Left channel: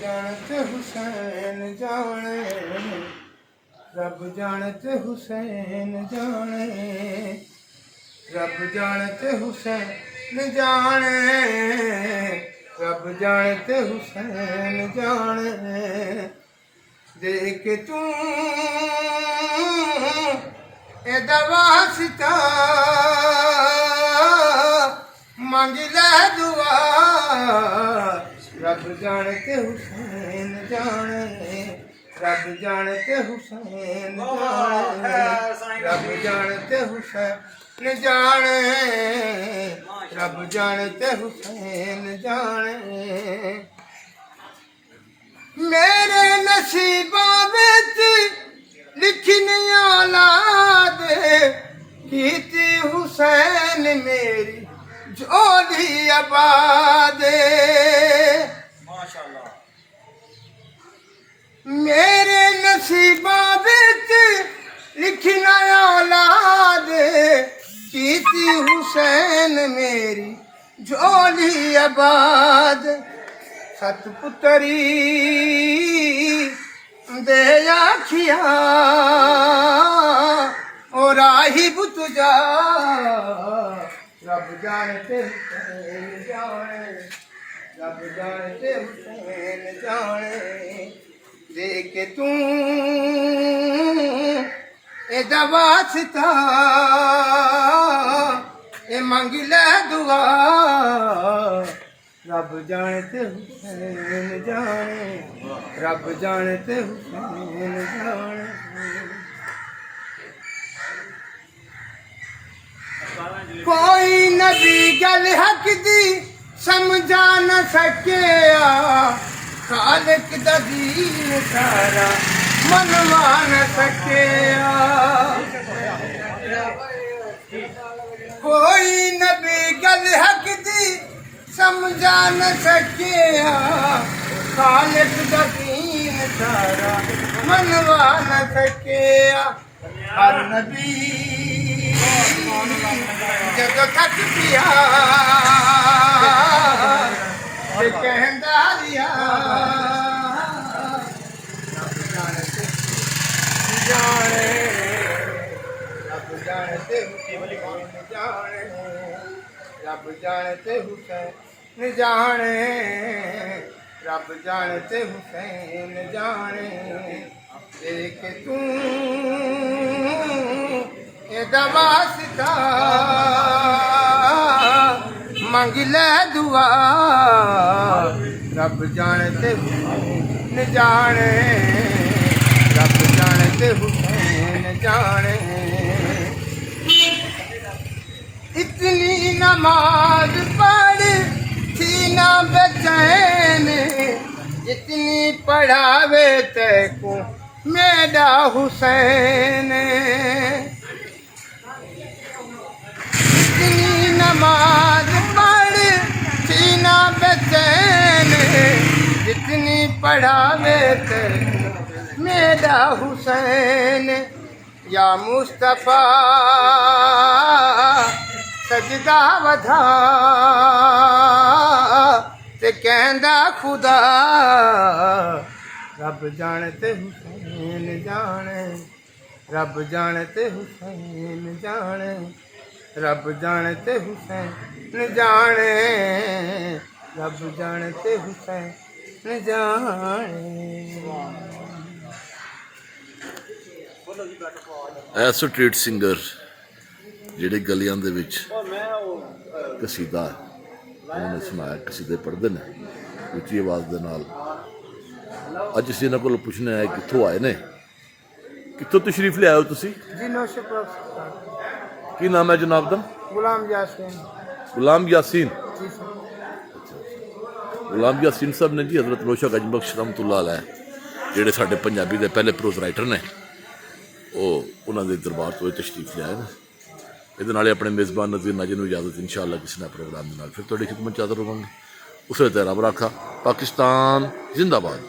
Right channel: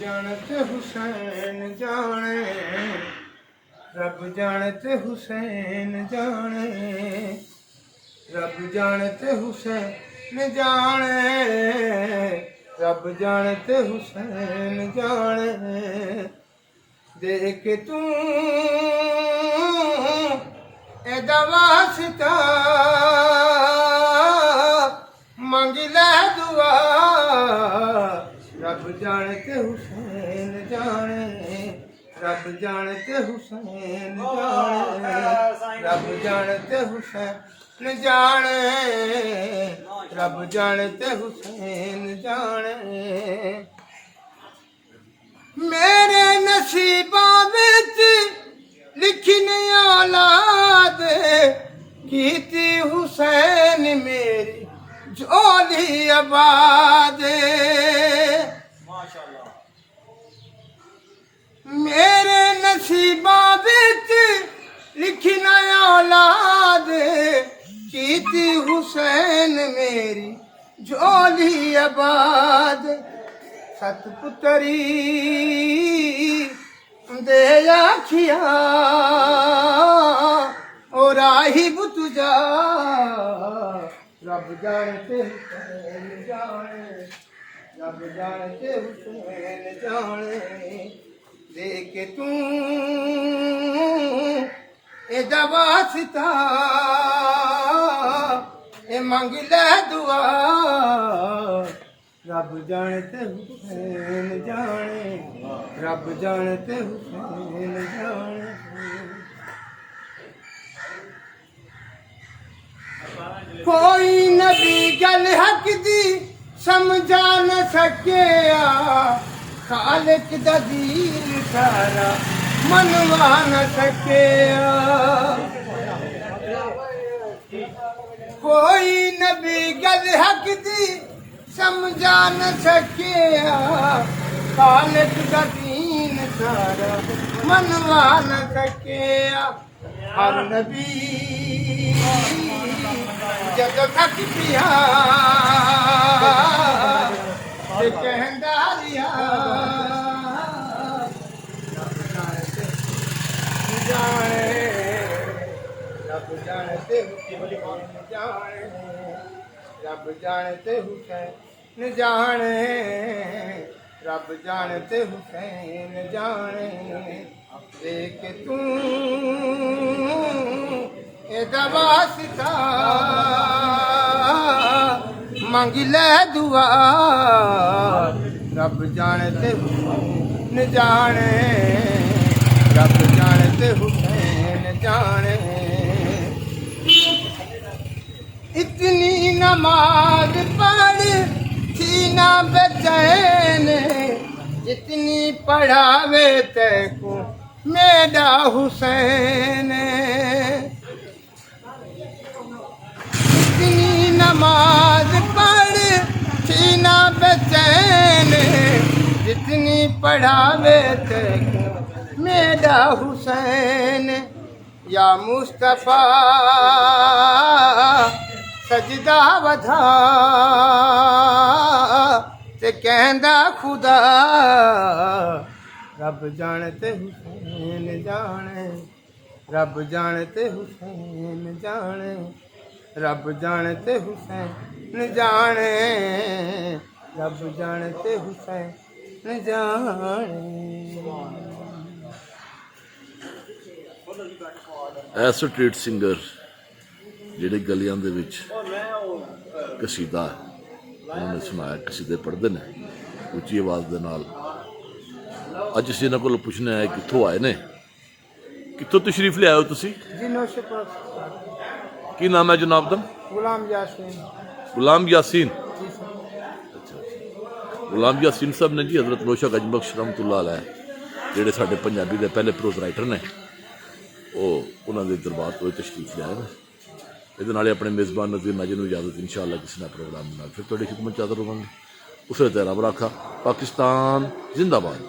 जानते हुसैन जाने, रब जानते हुसैन जाने, रब जानते हुसैन जाने, रब जानते हुसैन जाने। देख तू एदा वास्ता मंग ले दुआ, रब जानते हुसैन जाने, रब जानते हुसैन जाने, रब जानते हुसैन जाने, रब जानते हुसैन जाने। मेरे नसीबां विच लिखी नहीं औलाद, कीती हुसैन मेरी झोली आबाद। मेरे नसीबां विच लिखी ना औलाद, कीती हुसैन मेरी झोली आबाद। सतपुतरी दे आखिया और राही बुतुजा, रब जानते हुसैन जाने, रब जानते हुसैन जाने। देख तू एदा वास्ता ए मंग ले दुआ, रब जानते हुसैन जाने, रब जानते हुसैन जाने। कोई नबी गल हक दी समझा न सकिया, खालिक दा दीन सारा मनवा न सकिया। कोई नबी गल हक दी समझा न सकिया, खालिक दा दीन सारा मनवा न सकिया। हर नबी जदों थक पिया ते कहंदा रिया, रब जानते जाने, रब जानते हुसैन जाने, रब जानते हुसैन जाने, रब जानते हुसैन जाने। देख तू एदा वास्ता मंग ले दुआ, रब जानते हुसैन जाने, रब जानते हुसैन जाने। इतनी नमाज पढ़ थी ना बेचैन, इतनी पढ़ावे तेको मेरा हुसैन। इतनी नमाज पढ़ थी ना बेचैन, जितनी पढ़ावे तेको मेरा हुसैन। या मुस्तफा सजदा वधा ते कहंदा खुदा, रब जानते हुसैन जाने, रब जानते हुसैन जाने, रब जानते हुसैन जाने, रब जानते हुसैन जाने। ऐसे स्ट्रीट सिंगर ਜਿਹੜੇ ਗਲੀਆਂ ਦੇ ਵਿੱਚ ਕਸੀਦਾ ਉਹਨਾਂ ਨੇ ਸੁਣਾਇਆ, ਕਸੀਦੇ ਪੜ੍ਹਦੇ ਨੇ ਉੱਚੀ ਆਵਾਜ਼ ਦੇ ਨਾਲ। ਅੱਜ ਅਸੀਂ ਇਹਨਾਂ ਕੋਲ ਪੁੱਛਣਾ ਹੈ ਕਿੱਥੋਂ ਆਏ ਨੇ, ਕਿੱਥੋਂ ਤਸ਼ਰੀਫ ਲਿਆਏ ਹੋ ਤੁਸੀਂ? ਜੀ ਨੌਸ਼ਪੁਰ। ਕੀ ਨਾਮ ਹੈ ਜਨਾਬ ਦਾ? ਗੁਲਾਮ ਯਾਸੀਨ। ਗੁਲਾਮ ਯਾਸੀਨ। ਜੀ ਸਰ। ਅੱਛਾ, ਗੁਲਾਮ ਯਾਸੀਨ ਸਾਹਿਬ ਨੇ ਜੀ ਹਜ਼ਰਤ ਨੌਸ਼ਾ ਗੰਜਬਖਸ਼ ਰਹਿਮਤੁल्लाह अलैह ਜਿਹੜੇ ਸਾਡੇ ਪੰਜਾਬੀ ਦੇ ਪਹਿਲੇ ਪ੍ਰੋਜ਼ ਰਾਈਟਰ ਨੇ, ਉਹ ਉਹਨਾਂ ਦੇ ਦਰਬਾਰ ਤੋਂ ਤਸ਼ਰੀਫ ਲਿਆਏ ਨੇ। ਇਹਦੇ ਨਾਲ ਆਪਣੇ ਮੇਜ਼ਬਾਨ ਨਜ਼ੀਰ ਨਾਜ਼ਰ ਨੂੰ ਇਜਾਜ਼ਤ, ਇਨਸ਼ਾਅੱਲਾ ਕਿਸੇ ਨਾ ਪ੍ਰੋਗਰਾਮ ਦੇ ਨਾਲ ਫਿਰ ਤੁਹਾਡੀ ਖਿਦਮਤ 'ਚ ਹਾਜ਼ਰ ਹੋਵਾਂਗੇ। ਉਸੇ ਤਰ੍ਹਾਂ ਰੱਬ ਰਾਖਾ। ਪਾਕਿਸਤਾਨ ਜ਼ਿੰਦਾਬਾਦ।